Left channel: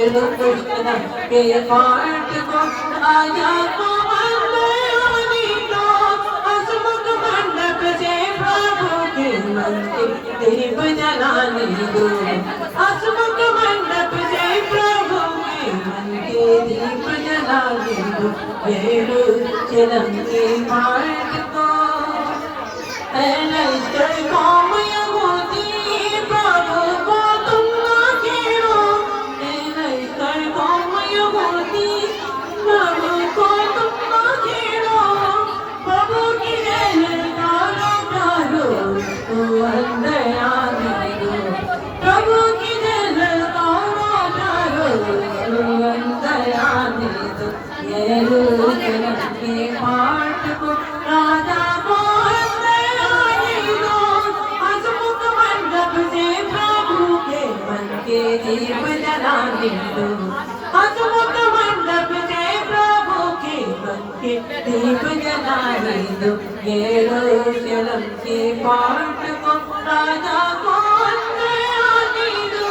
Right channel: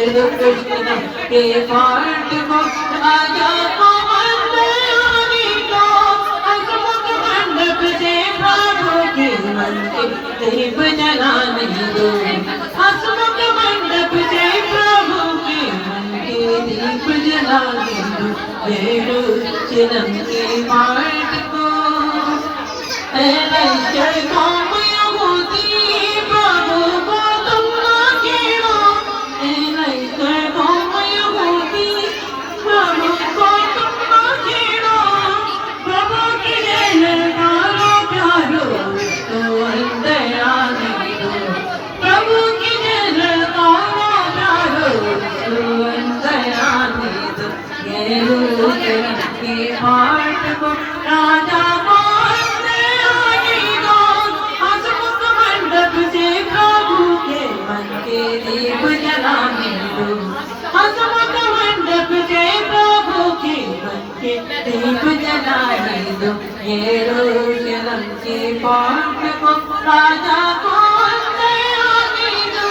यरूशलेम के पाट को राजा को अंदरानी को हसमुख मंडप से प्रभु के मन के दीप जलाने दो। हसमुख मंडप से प्रभु के मन के दीप जलाने दो। यरूशलेम के पाट को कौम यहूदी प्रभु को तुम ना छेड़ो। कौम यहूदी प्रभु को तुम ना छेड़ो। प्रभु की जयकारो प्यारो तो अंदर आने दो। प्रभु की जयकारो प्यारो तो अंदर आने दो। यरूशलेम के पाट को राजा को दीप जलाने दो। हसमुख मंडप से प्रभु के मन के दीप जलाने दो। यरूशलेम के पाट को राजा को अंदर आने दो।